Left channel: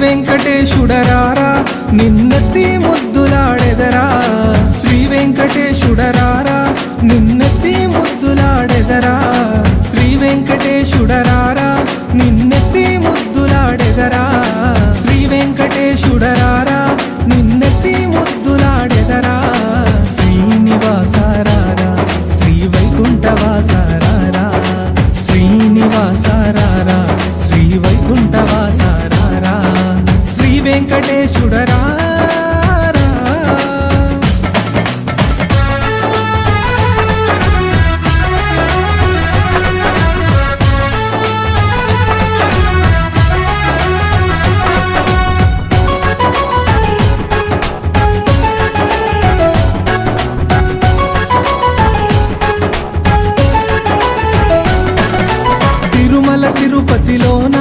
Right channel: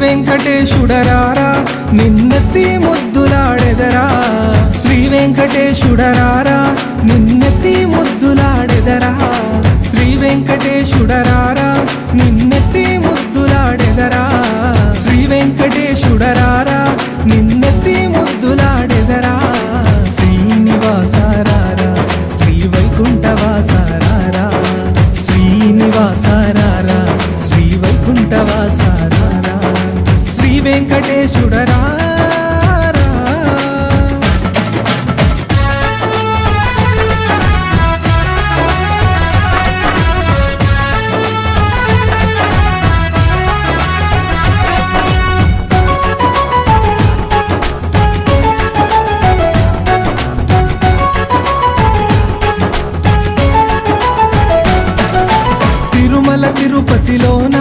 వెంకటేశుడరారా నిన్నెత్తి ముద్దులాడెదరా Shri వెంకటేశుడరారా నిన్నెత్తి ముద్దులాడెదరా Shri వెంకటేశుడరారా నిన్నెత్తి ముద్దులాడెదరా Shri వెంకటేశుడరారా నిన్నెత్తి ముద్దులాడెదరా శ్రీనివాసారారా Shri వైకుంఠవాసారారా శ్రీనివాసారారా Shri వైకుంఠవాసారారా Shri వెంకటేశుడరారా Tirumala తిరుపతిలోన